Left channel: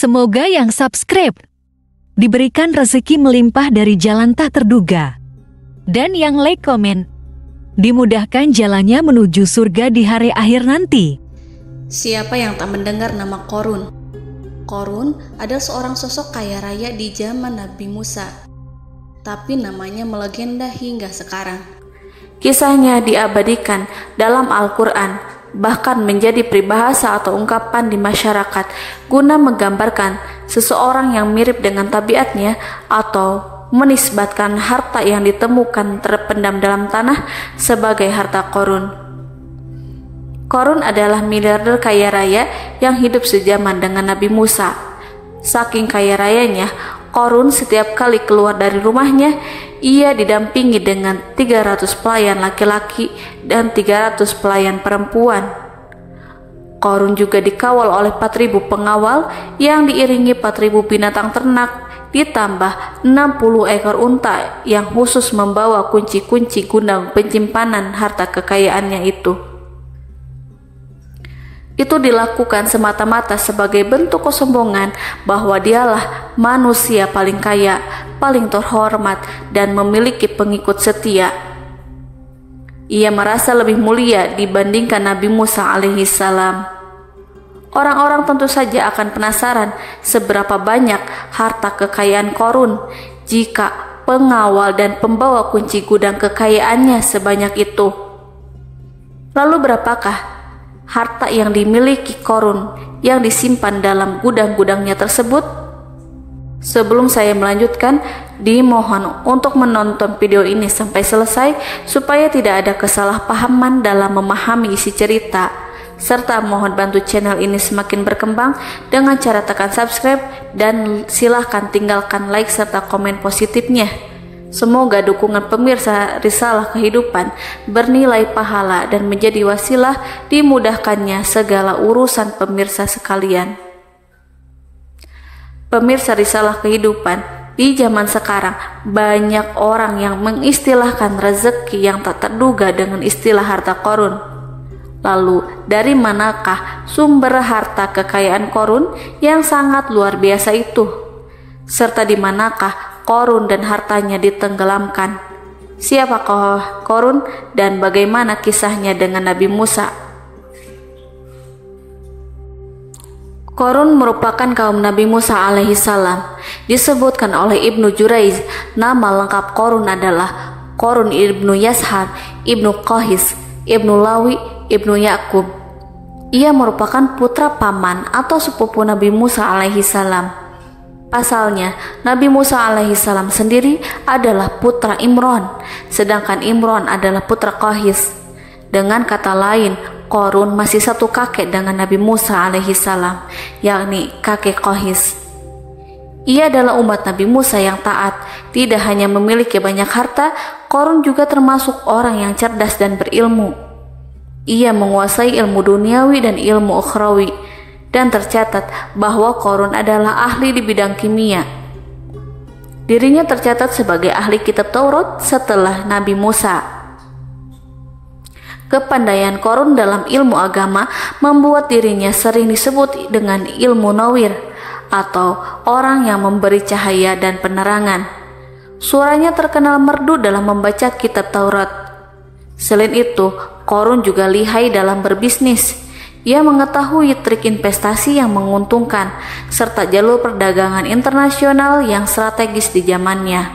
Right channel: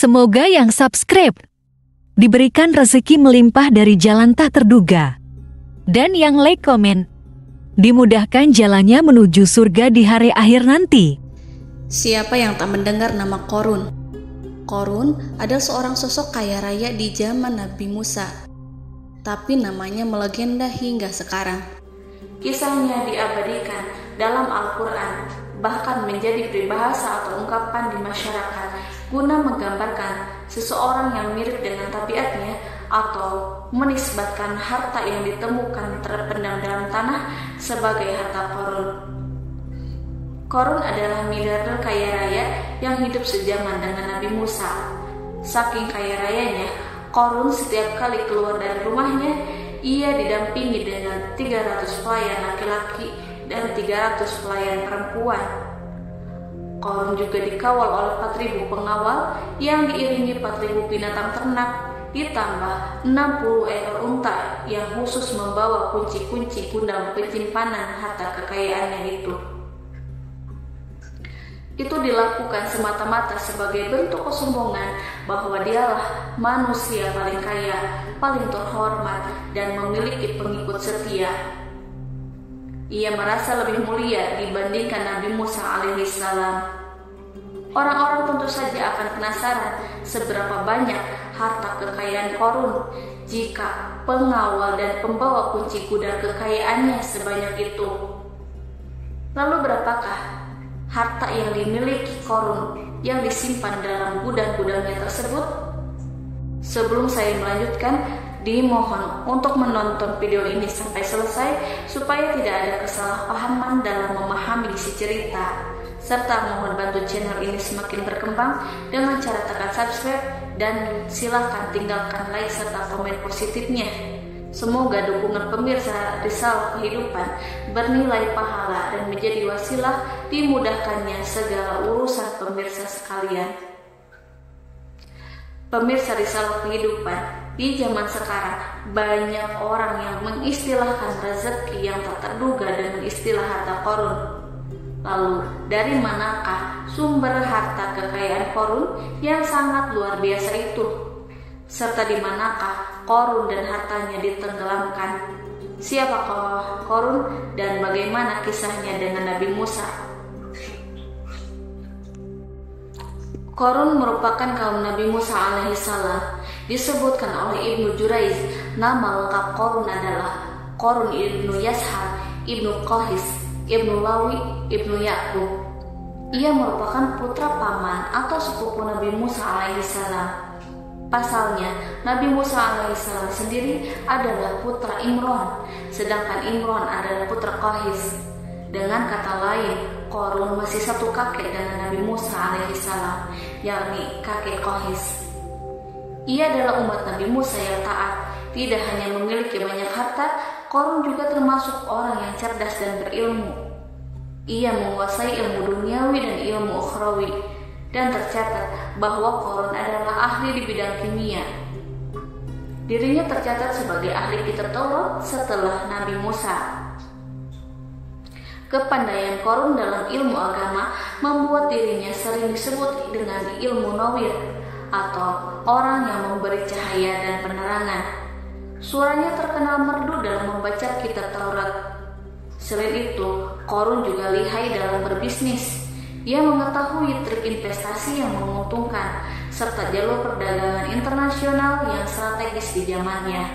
Semoga yang subscribe diberikan rezeki melimpah dari jalan tak terduga. Dan yang like komen, dimudahkan jalannya menuju surga di hari akhir nanti. Siapa yang tak mendengar nama Qorun? Qorun adalah seorang sosok kaya raya di zaman Nabi Musa, tapi namanya melegenda hingga sekarang. Kisahnya diabadikan dalam Al-Quran, bahkan menjadi peribahasa atau ungkapan di masyarakat guna menggambarkan seseorang yang mirip dengan tabiatnya atau menisbatkan harta yang ditemukan terpendam dalam tanah sebagai harta Qorun. Qorun adalah miliarder kaya raya yang hidup sejaman dengan Nabi Musa. Saking kaya rayanya, Qorun setiap kali keluar dari rumahnya, ia didampingi dengan 300 pelayan laki-laki dan 300 pelayan perempuan. Qorun juga dikawal oleh 4.000 pengawal yang diiringi 4.000 binatang ternak, ditambah 60 ekor unta yang khusus membawa kunci-kunci gudang penyimpanan harta kekayaannya itu. Itu dilakukan semata-mata sebagai bentuk kesombongan bahwa dialah manusia paling kaya, paling terhormat, dan memiliki pengikut setia. Ia merasa lebih mulia dibandingkan Nabi Musa alaihissalam. Orang-orang tentu saja akan penasaran seberapa banyak harta kekayaan Qorun jika pengawal dan pembawa kunci gudang kekayaannya sebanyak itu. Lalu berapakah harta yang dimiliki Qorun yang disimpan dalam gudang-gudangnya tersebut? Sebelum saya melanjutkan, dimohon untuk menonton video ini sampai selesai supaya tidak ada kesalahpahaman dalam memahami isi cerita, serta mohon bantu channel ini semakin berkembang dengan cara tekan subscribe dan silahkan tinggalkan like serta komen positifnya. Semoga dukungan pemirsa Risalah Kehidupan bernilai pahala dan menjadi wasilah dimudahkannya segala urusan pemirsa sekalian. Pemirsa Risalah Kehidupan, di zaman sekarang banyak orang yang mengistilahkan rezeki yang tak terduga dengan istilah harta Qorun. Lalu dari manakah sumber harta kekayaan Qorun yang sangat luar biasa itu? Serta di manakah Qorun dan hartanya ditenggelamkan? Siapakah Qorun dan bagaimana kisahnya dengan Nabi Musa? Qorun merupakan kaum Nabi Musa alaihissalam. Disebutkan oleh Ibnu Jurayj, nama lengkap Qorun adalah Qorun ibnu Yashar, ibnu Qahis, ibnu Lawi, ibnu Yakub. Ia merupakan putra paman atau sepupu Nabi Musa alaihissalam. Pasalnya, Nabi Musa alaihissalam sendiri adalah putra Imron, sedangkan Imron adalah putra Qahis. Dengan kata lain, Qorun masih satu kakek dengan Nabi Musa alaihissalam, yakni kakek Qahis. Ia adalah umat Nabi Musa yang taat. Tidak hanya memiliki banyak harta, Qorun juga termasuk orang yang cerdas dan berilmu. Ia menguasai ilmu duniawi dan ilmu ukhrawi, dan tercatat bahwa Qorun adalah ahli di bidang kimia. Dirinya tercatat sebagai ahli kitab Taurat setelah Nabi Musa. Kepandaian Qorun dalam ilmu agama membuat dirinya sering disebut dengan ilmu nawir atau orang yang memberi cahaya dan penerangan. Suaranya terkenal merdu dalam membaca kitab Taurat. Selain itu, Qorun juga lihai dalam berbisnis. Ia mengetahui trik investasi yang menguntungkan serta jalur perdagangan internasional yang strategis di zamannya.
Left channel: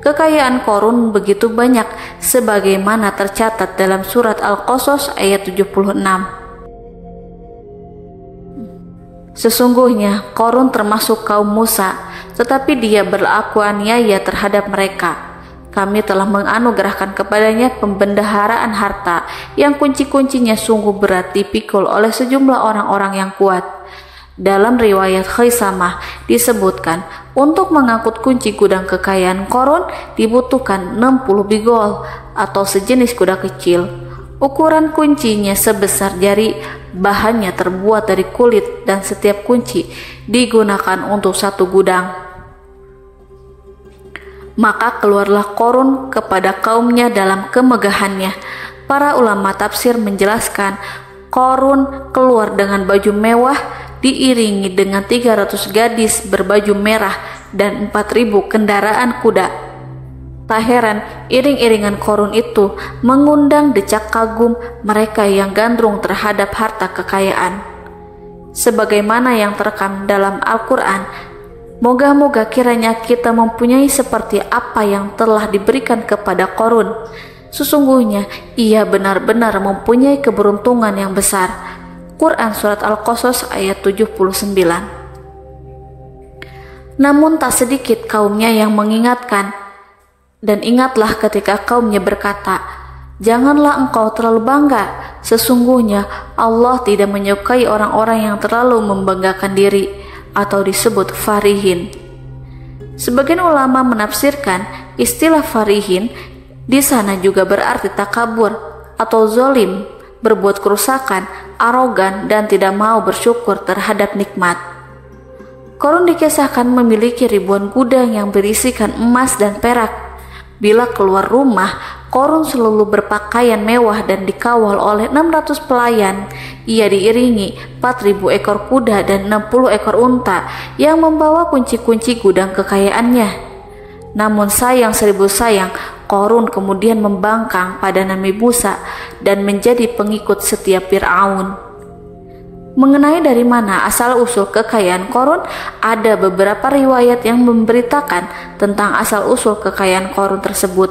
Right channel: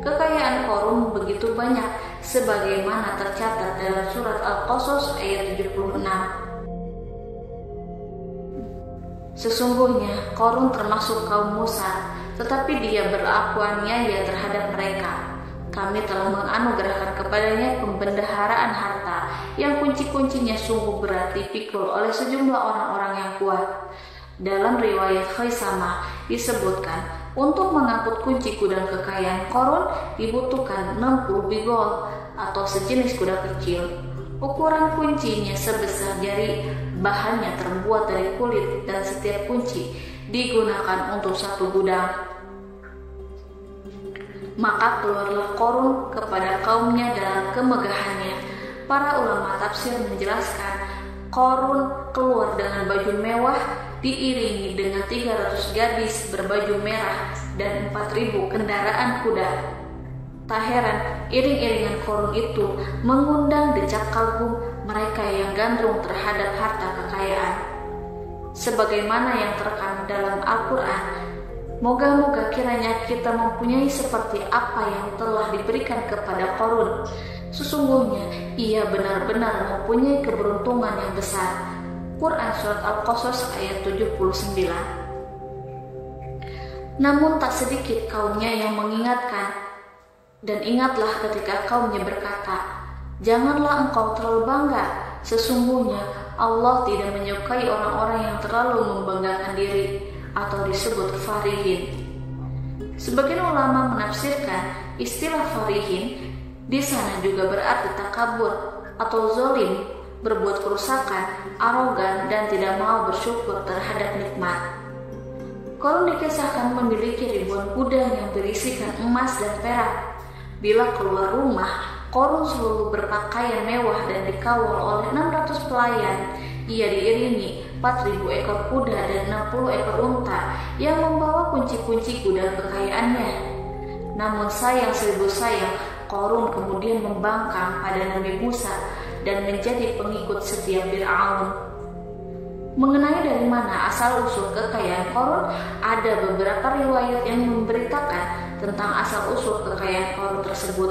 Kekayaan Qorun begitu banyak sebagaimana tercatat dalam surat Al-Qasas ayat 76. Sesungguhnya Qorun termasuk kaum Musa, tetapi dia berlaku aniaya terhadap mereka. Kami telah menganugerahkan kepadanya pembendaharaan harta yang kunci-kuncinya sungguh berat dipikul oleh sejumlah orang-orang yang kuat. Dalam riwayat Khaisamah disebutkan, untuk mengangkut kunci gudang kekayaan Qorun dibutuhkan 60 bigol atau sejenis kuda kecil. Ukuran kuncinya sebesar jari, bahannya terbuat dari kulit dan setiap kunci digunakan untuk satu gudang. Maka keluarlah Qorun kepada kaumnya dalam kemegahannya. Para ulama tafsir menjelaskan Qorun keluar dengan baju mewah diiringi dengan 300 gadis berbaju merah dan 4.000 kendaraan kuda. Tak heran iring-iringan Qarun itu mengundang decak kagum mereka yang gandrung terhadap harta kekayaan. Sebagaimana yang terekam dalam Al-Quran, moga-moga kiranya kita mempunyai seperti apa yang telah diberikan kepada Qarun. Sesungguhnya ia benar-benar mempunyai keberuntungan yang besar. Quran Surat Al-Qasas ayat 79. Namun tak sedikit kaumnya yang mengingatkan, dan ingatlah ketika kaumnya berkata, janganlah engkau terlalu bangga. Sesungguhnya Allah tidak menyukai orang-orang yang terlalu membanggakan diri atau disebut farihin. Sebagian ulama menafsirkan istilah farihin di sana juga berarti takabur atau zolim, berbuat kerusakan, arogan, dan tidak mau bersyukur terhadap nikmat. Qarun dikisahkan memiliki ribuan gudang yang berisikan emas dan perak. Bila keluar rumah, Qarun selalu berpakaian mewah dan dikawal oleh 600 pelayan. Ia diiringi 4.000 ekor kuda dan 60 ekor unta yang membawa kunci-kunci gudang kekayaannya. Namun sayang seribu sayang, Qarun kemudian membangkang pada Nabi Musa dan menjadi pengikut setia Fir'aun. Mengenai dari mana asal-usul kekayaan Qarun, ada beberapa riwayat yang memberitakan tentang asal-usul kekayaan Qarun tersebut.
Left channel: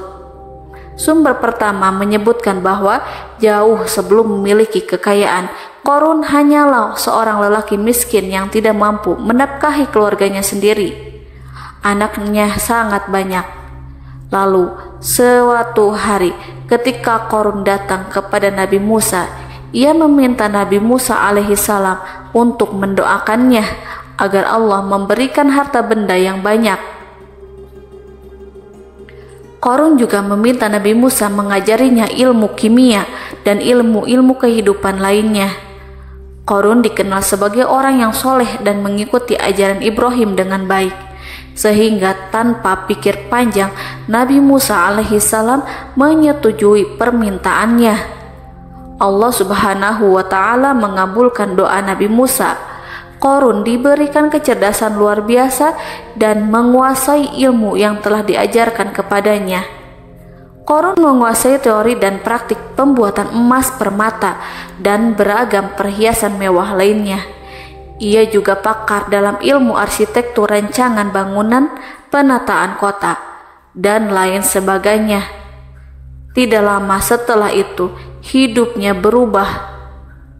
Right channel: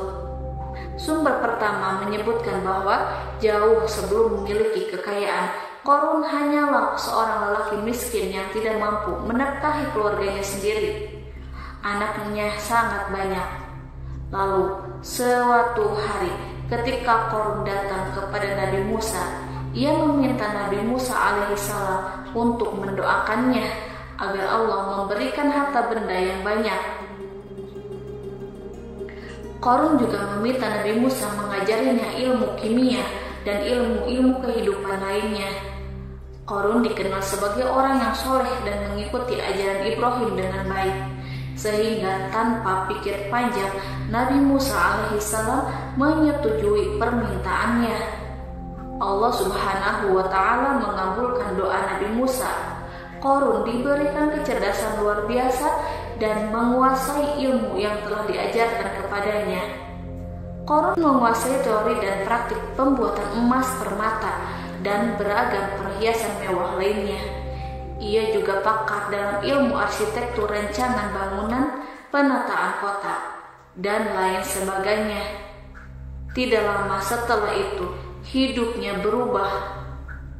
Sumber pertama menyebutkan bahwa jauh sebelum memiliki kekayaan, Qarun hanyalah seorang lelaki miskin yang tidak mampu menafkahi keluarganya sendiri. Anaknya sangat banyak. Lalu, suatu hari ketika Qarun datang kepada Nabi Musa, ia meminta Nabi Musa alaihissalam untuk mendoakannya agar Allah memberikan harta benda yang banyak. Qarun juga meminta Nabi Musa mengajarinya ilmu kimia dan ilmu-ilmu kehidupan lainnya. Qarun dikenal sebagai orang yang soleh dan mengikuti ajaran Ibrahim dengan baik, sehingga tanpa pikir panjang Nabi Musa alaihissalam menyetujui permintaannya. Allah Subhanahu wa Ta'ala mengabulkan doa Nabi Musa. Qarun diberikan kecerdasan luar biasa dan menguasai ilmu yang telah diajarkan kepadanya. Qarun menguasai teori dan praktik pembuatan emas permata dan beragam perhiasan mewah lainnya. Ia juga pakar dalam ilmu arsitektur, rancangan bangunan, penataan kota, dan lain sebagainya. Tidak lama setelah itu, hidupnya berubah.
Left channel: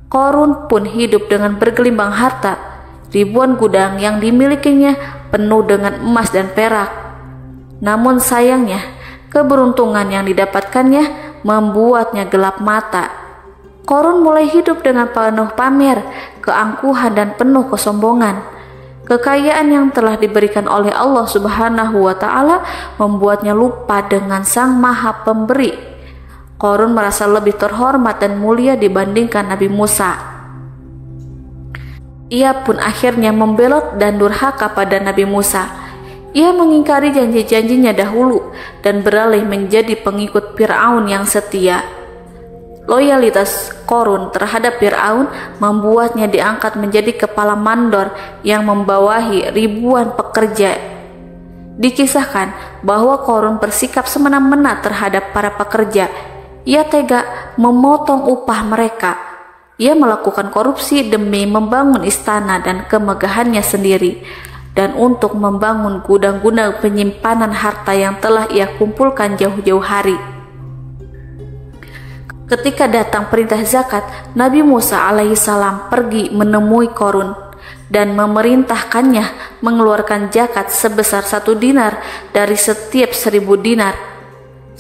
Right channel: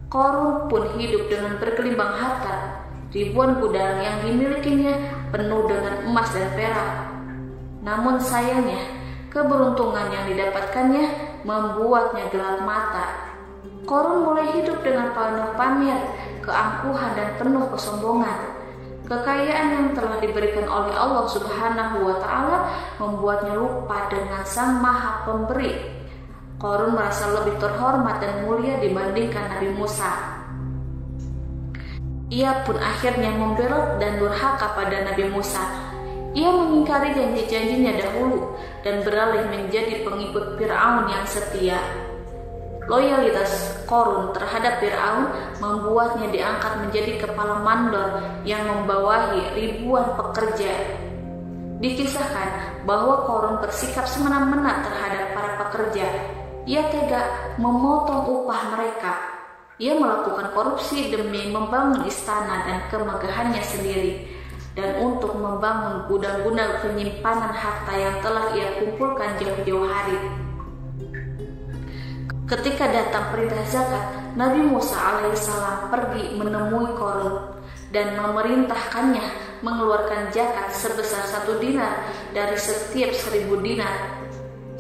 Qarun pun hidup dengan bergelimbang harta. Ribuan gudang yang dimilikinya penuh dengan emas dan perak. Namun sayangnya, keberuntungan yang didapatkannya membuatnya gelap mata. Qarun mulai hidup dengan penuh pamer, keangkuhan, dan penuh kesombongan. Kekayaan yang telah diberikan oleh Allah Subhanahu wa Ta'ala membuatnya lupa dengan Sang Maha Pemberi. Qarun merasa lebih terhormat dan mulia dibandingkan Nabi Musa. Ia pun akhirnya membelot dan durhaka pada Nabi Musa. Ia mengingkari janji-janjinya dahulu dan beralih menjadi pengikut Fir'aun yang setia. Loyalitas Qarun terhadap Fir'aun membuatnya diangkat menjadi kepala mandor yang membawahi ribuan pekerja. Dikisahkan bahwa Qarun bersikap semena-mena terhadap para pekerja. Ia tega memotong upah mereka. Ia melakukan korupsi demi membangun istana dan kemegahannya sendiri, dan untuk membangun gudang-gudang penyimpanan harta yang telah ia kumpulkan jauh-jauh hari. Ketika datang perintah zakat, Nabi Musa alaihissalam pergi menemui Qarun dan memerintahkannya mengeluarkan zakat sebesar 1 dinar dari setiap 1000 dinar,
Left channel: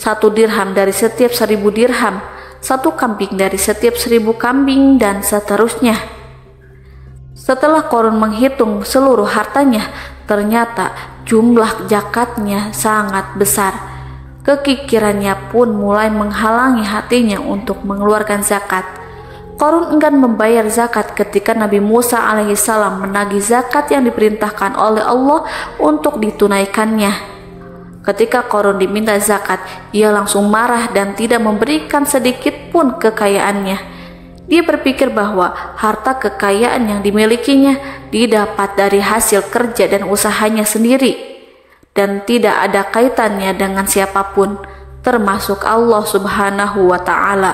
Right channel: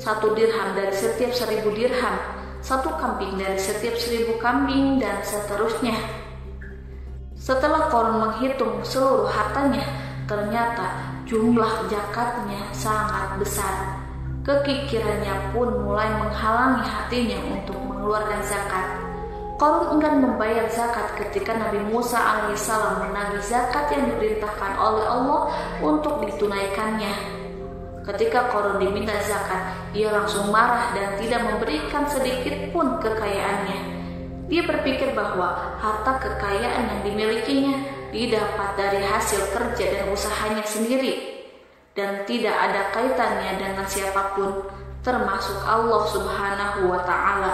1 dirham dari setiap 1000 dirham, 1 kambing dari setiap 1000 kambing, dan seterusnya. Setelah Qarun menghitung seluruh hartanya, ternyata jumlah zakatnya sangat besar. Kekikirannya pun mulai menghalangi hatinya untuk mengeluarkan zakat. Qarun enggan membayar zakat ketika Nabi Musa alaihissalam menagih zakat yang diperintahkan oleh Allah untuk ditunaikannya. Ketika Qarun diminta zakat, ia langsung marah dan tidak memberikan sedikit pun kekayaannya. Dia berpikir bahwa harta kekayaan yang dimilikinya didapat dari hasil kerja dan usahanya sendiri, dan tidak ada kaitannya dengan siapapun, termasuk Allah Subhanahu wa Ta'ala.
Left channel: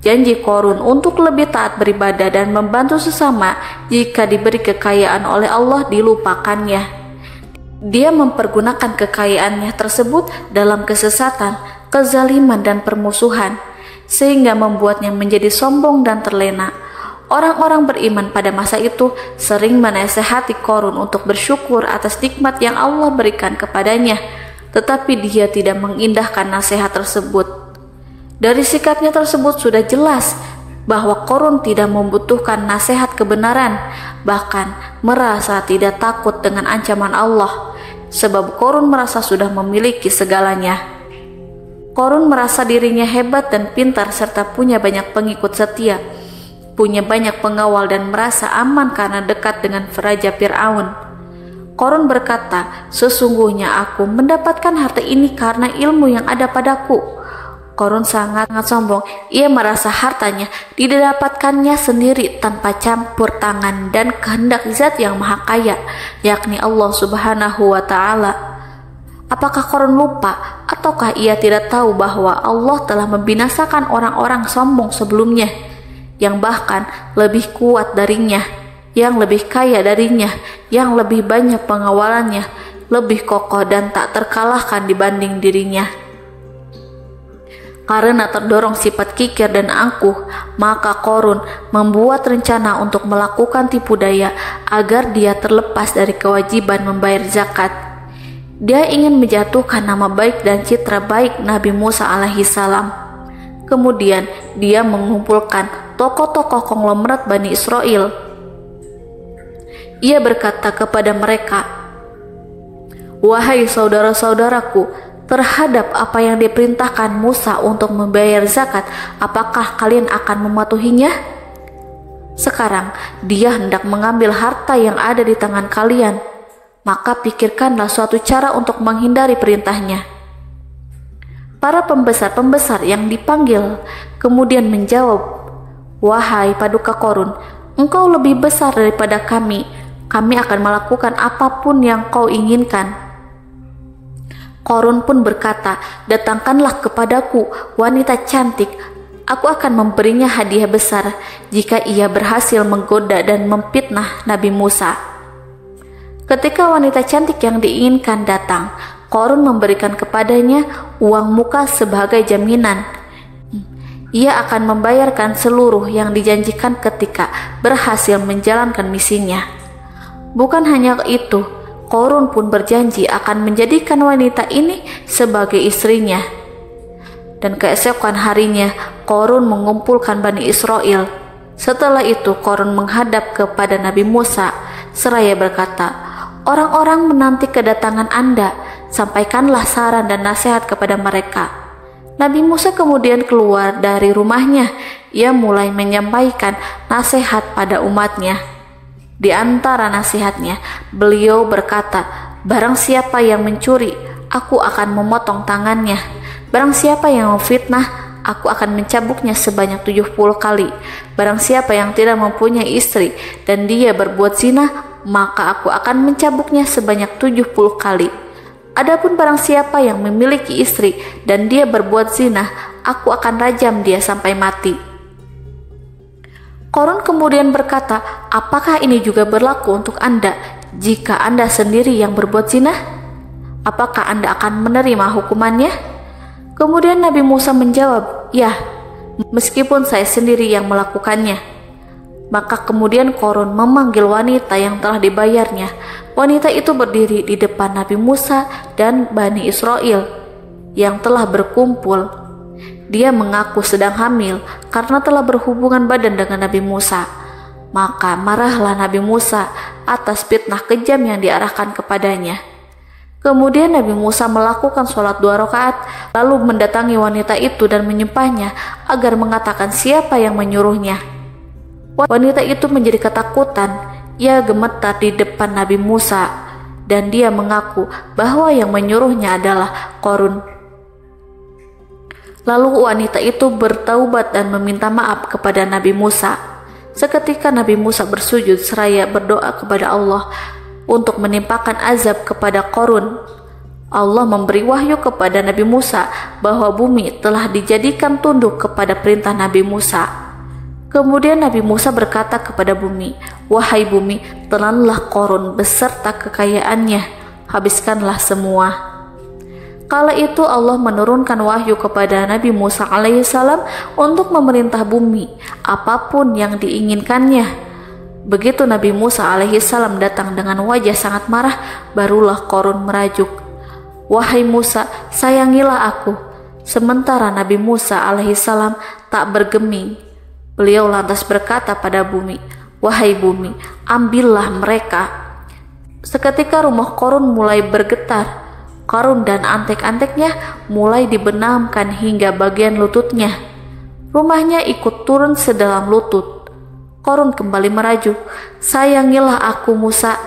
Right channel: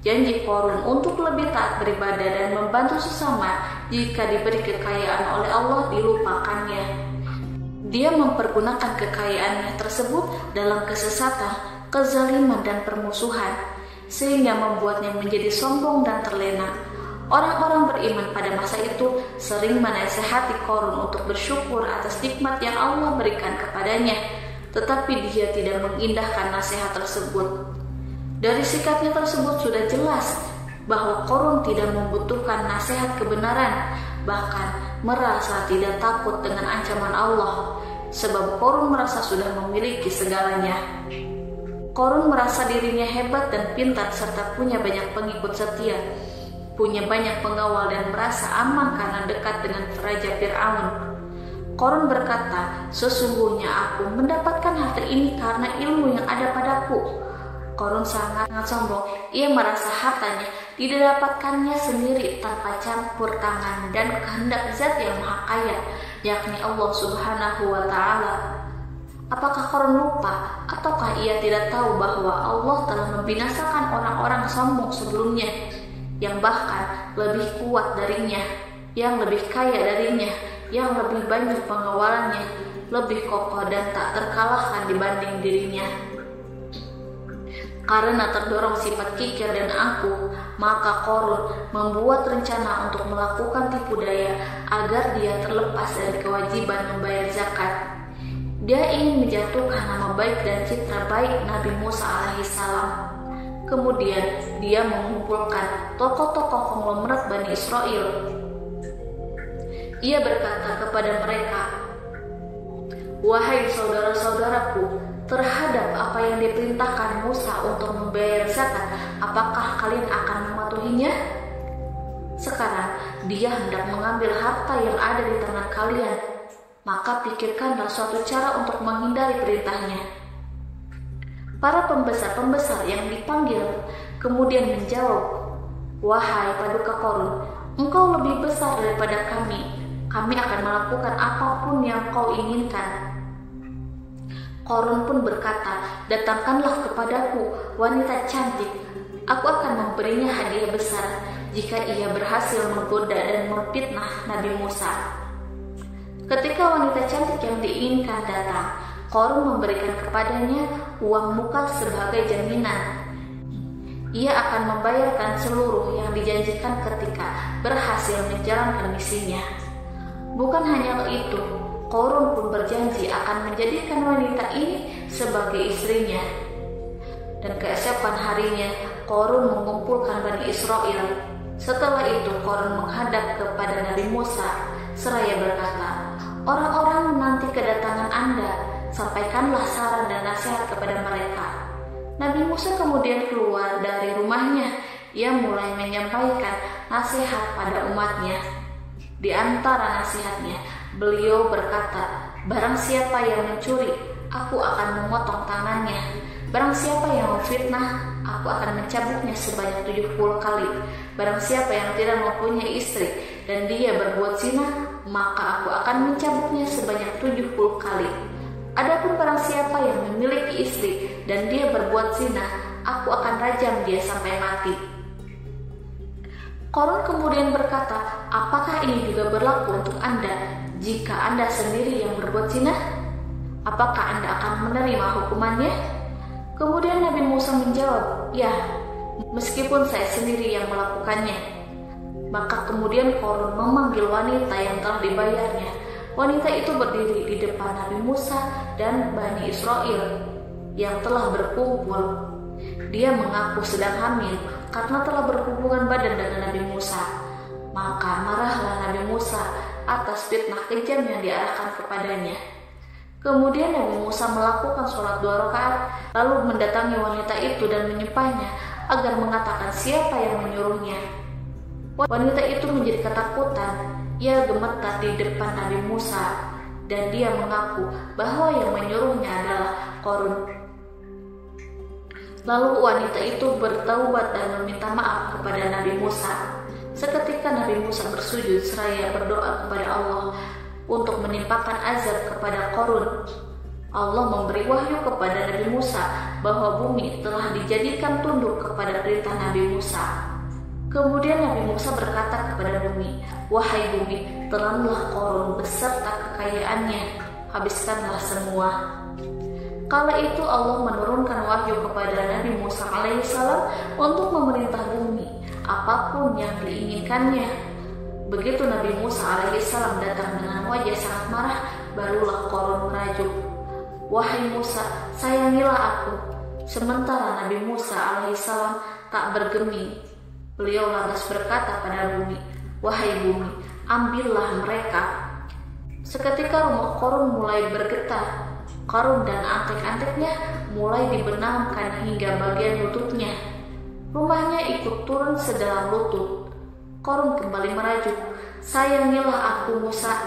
Janji Qorun untuk lebih taat beribadah dan membantu sesama jika diberi kekayaan oleh Allah dilupakannya. Dia mempergunakan kekayaannya tersebut dalam kesesatan, kezaliman, dan permusuhan, sehingga membuatnya menjadi sombong dan terlena. Orang-orang beriman pada masa itu sering menasehati Qorun untuk bersyukur atas nikmat yang Allah berikan kepadanya, tetapi dia tidak mengindahkan nasihat tersebut. Dari sikapnya tersebut sudah jelas bahwa Qorun tidak membutuhkan nasihat kebenaran, bahkan merasa tidak takut dengan ancaman Allah, sebab Qorun merasa sudah memiliki segalanya. Qorun merasa dirinya hebat dan pintar serta punya banyak pengikut setia, punya banyak pengawal dan merasa aman karena dekat dengan Raja Fir'aun. Qorun berkata, "Sesungguhnya aku mendapatkan harta ini karena ilmu yang ada padaku." Qorun sangat sombong. Ia merasa hartanya didapatkannya sendiri tanpa campur tangan dan kehendak Zat yang Maha Kaya, yakni Allah Subhanahu wa Ta'ala. Apakah Qorun lupa ataukah ia tidak tahu bahwa Allah telah membinasakan orang-orang sombong sebelumnya, yang bahkan lebih kuat darinya, yang lebih kaya darinya, yang lebih banyak pengawalannya, lebih kokoh dan tak terkalahkan dibanding dirinya? Karena terdorong sifat kikir dan angkuh, maka Qorun membuat rencana untuk melakukan tipu daya agar dia terlepas dari kewajiban membayar zakat. Dia ingin menjatuhkan nama baik dan citra baik Nabi Musa alaihissalam. Kemudian dia mengumpulkan tokoh-tokoh konglomerat Bani Israel. Ia berkata kepada mereka, "Wahai saudara-saudaraku, terhadap apa yang diperintahkan Musa untuk membayar zakat, apakah kalian akan mematuhinya? Sekarang dia hendak mengambil harta yang ada di tangan kalian, maka pikirkanlah suatu cara untuk menghindari perintahnya." Para pembesar-pembesar yang dipanggil kemudian menjawab, "Wahai paduka Qorun, engkau lebih besar daripada kami akan melakukan apapun yang kau inginkan." Qorun pun berkata, "Datangkanlah kepadaku wanita cantik, aku akan memberinya hadiah besar jika ia berhasil menggoda dan memfitnah Nabi Musa." Ketika wanita cantik yang diinginkan datang, Qorun memberikan kepadanya uang muka sebagai jaminan. Ia akan membayarkan seluruh yang dijanjikan ketika berhasil menjalankan misinya. Bukan hanya itu, Qorun pun berjanji akan menjadikan wanita ini sebagai istrinya. Dan keesokan harinya, Qorun mengumpulkan Bani Israel. Setelah itu, Qorun menghadap kepada Nabi Musa seraya berkata, "Orang-orang menanti kedatangan Anda, sampaikanlah saran dan nasihat kepada mereka." Nabi Musa kemudian keluar dari rumahnya. Ia mulai menyampaikan nasihat pada umatnya. Di antara nasihatnya, beliau berkata, "Barang siapa yang mencuri, aku akan memotong tangannya. Barang siapa yang memfitnah, aku akan mencambuknya sebanyak 70 kali. Barang siapa yang tidak mempunyai istri dan dia berbuat zina, maka aku akan mencambuknya sebanyak 70 kali. Adapun barang siapa yang memiliki istri dan dia berbuat zina, aku akan rajam dia sampai mati." Qorun kemudian berkata, "Apakah ini juga berlaku untuk Anda jika Anda sendiri yang berbuat zina? Apakah Anda akan menerima hukumannya?" Kemudian Nabi Musa menjawab, "Ya, meskipun saya sendiri yang melakukannya." Maka kemudian Qorun memanggil wanita yang telah dibayarnya. Wanita itu berdiri di depan Nabi Musa dan Bani Israel yang telah berkumpul. Dia mengaku sedang hamil karena telah berhubungan badan dengan Nabi Musa. Maka marahlah Nabi Musa atas fitnah kejam yang diarahkan kepadanya. Kemudian Nabi Musa melakukan sholat 2 rakaat, lalu mendatangi wanita itu dan menyumpahnya agar mengatakan siapa yang menyuruhnya. Wanita itu menjadi ketakutan. Ia gemetar di depan Nabi Musa dan dia mengaku bahwa yang menyuruhnya adalah Qorun. Lalu wanita itu bertaubat dan meminta maaf kepada Nabi Musa. Seketika Nabi Musa bersujud seraya berdoa kepada Allah untuk menimpakan azab kepada Qarun. Allah memberi wahyu kepada Nabi Musa bahwa bumi telah dijadikan tunduk kepada perintah Nabi Musa. Kemudian Nabi Musa berkata kepada bumi, "Wahai bumi, telanlah Qarun beserta kekayaannya, habiskanlah semua." Kala itu Allah menurunkan wahyu kepada Nabi Musa alaihissalam untuk memerintah bumi apapun yang diinginkannya. Begitu Nabi Musa alaihissalam datang dengan wajah sangat marah, barulah Qarun merajuk, "Wahai Musa, sayangilah aku." Sementara Nabi Musa alaihissalam tak bergeming. Beliau lantas berkata pada bumi, "Wahai bumi, ambillah mereka." Seketika rumah Qarun mulai bergetar. Qarun dan antek-anteknya mulai dibenamkan hingga bagian lututnya. Rumahnya ikut turun sedalam lutut. Qarun kembali merajuk, "Sayangilah aku Musa."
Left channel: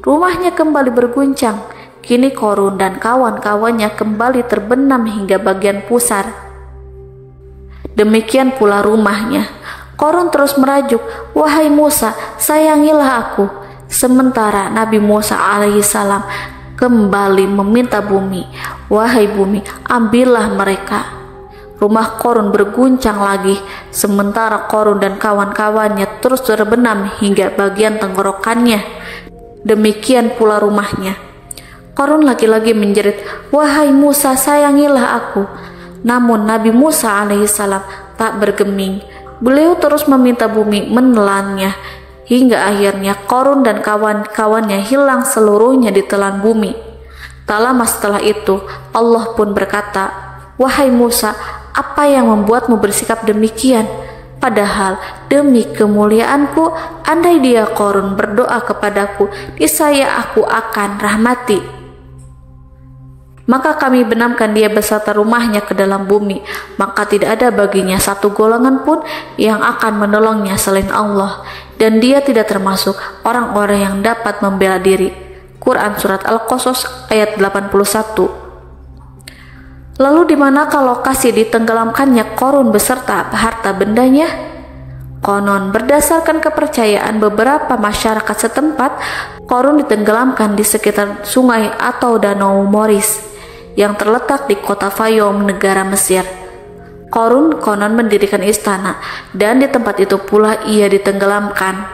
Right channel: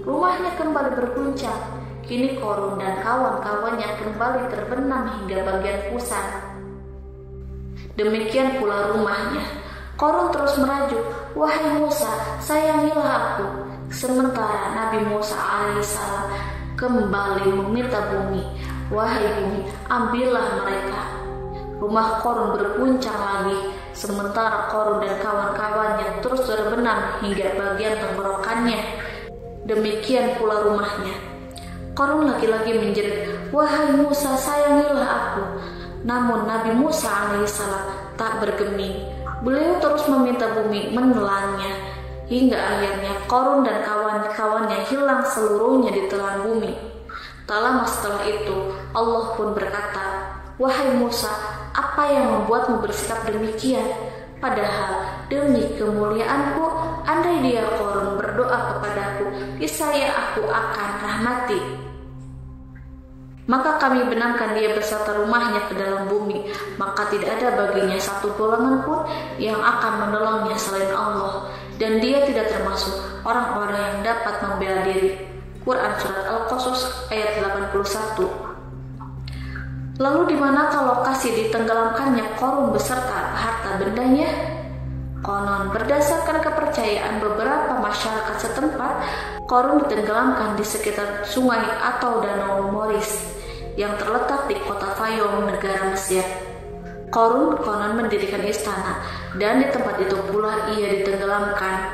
Rumahnya kembali berguncang. Kini Qarun dan kawan-kawannya kembali terbenam hingga bagian pusar. Demikian pula rumahnya. Qarun terus merajuk, "Wahai Musa, sayangilah aku." Sementara Nabi Musa alaihissalam kembali meminta bumi, "Wahai bumi, ambillah mereka." Rumah Qarun berguncang lagi, sementara Qarun dan kawan-kawannya terus terbenam hingga bagian tenggorokannya. Demikian pula rumahnya. Qarun lagi-lagi menjerit, "Wahai Musa, sayangilah aku." Namun Nabi Musa alaihissalam tak bergeming. Beliau terus meminta bumi menelannya, hingga akhirnya Qarun dan kawan-kawannya hilang seluruhnya ditelan bumi. Tak lama setelah itu, Allah pun berkata, "Wahai Musa, apa yang membuatmu bersikap demikian? Padahal demi kemuliaanku, andai dia Qarun berdoa kepadaku, niscaya aku akan rahmati. Maka kami benamkan dia beserta rumahnya ke dalam bumi, maka tidak ada baginya satu golongan pun yang akan menolongnya selain Allah, dan dia tidak termasuk orang-orang yang dapat membela diri." Quran Surat Al-Qasas ayat 81. Lalu di manakah lokasi ditenggelamkannya Qarun beserta harta bendanya? Konon berdasarkan kepercayaan beberapa masyarakat setempat, Qarun ditenggelamkan di sekitar sungai atau danau Moris yang terletak di kota Fayum, negara Mesir. Qarun konon mendirikan istana, dan di tempat itu pula ia ditenggelamkan.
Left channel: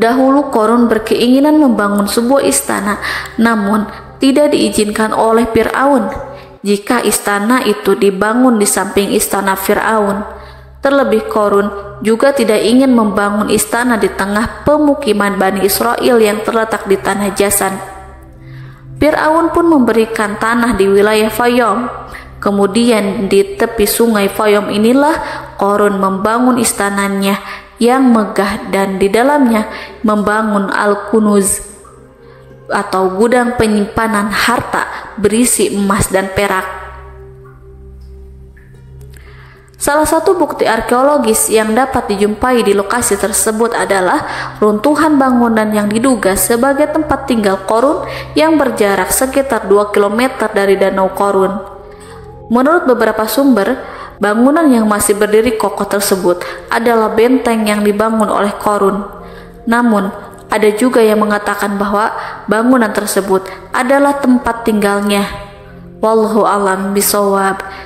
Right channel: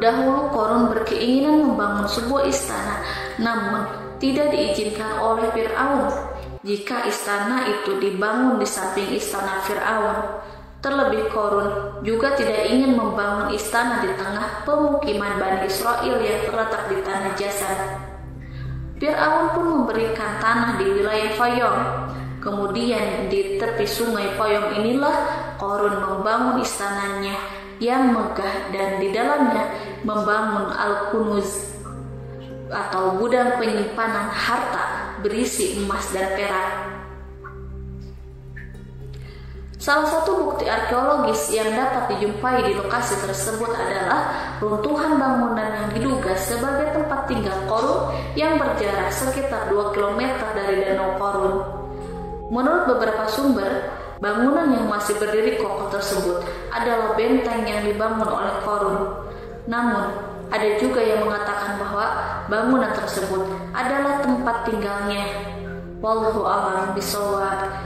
Dahulu Qarun berkeinginan membangun sebuah istana, namun tidak diizinkan oleh Fir'aun jika istana itu dibangun di samping istana Fir'aun. Terlebih Qarun juga tidak ingin membangun istana di tengah pemukiman Bani Israel yang terletak di tanah Jasan. Fir'aun pun memberikan tanah di wilayah Fayum. Kemudian di tepi sungai Fayum inilah Qarun membangun istananya yang megah, dan di dalamnya membangun Al-Kunuz atau gudang penyimpanan harta berisi emas dan perak. Salah satu bukti arkeologis yang dapat dijumpai di lokasi tersebut adalah runtuhan bangunan yang diduga sebagai tempat tinggal Qarun yang berjarak sekitar 2 km dari Danau Qarun. Menurut beberapa sumber, bangunan yang masih berdiri kokoh tersebut adalah benteng yang dibangun oleh Qarun. Namun, ada juga yang mengatakan bahwa bangunan tersebut adalah tempat tinggalnya. Wallahu a'lam bishawab.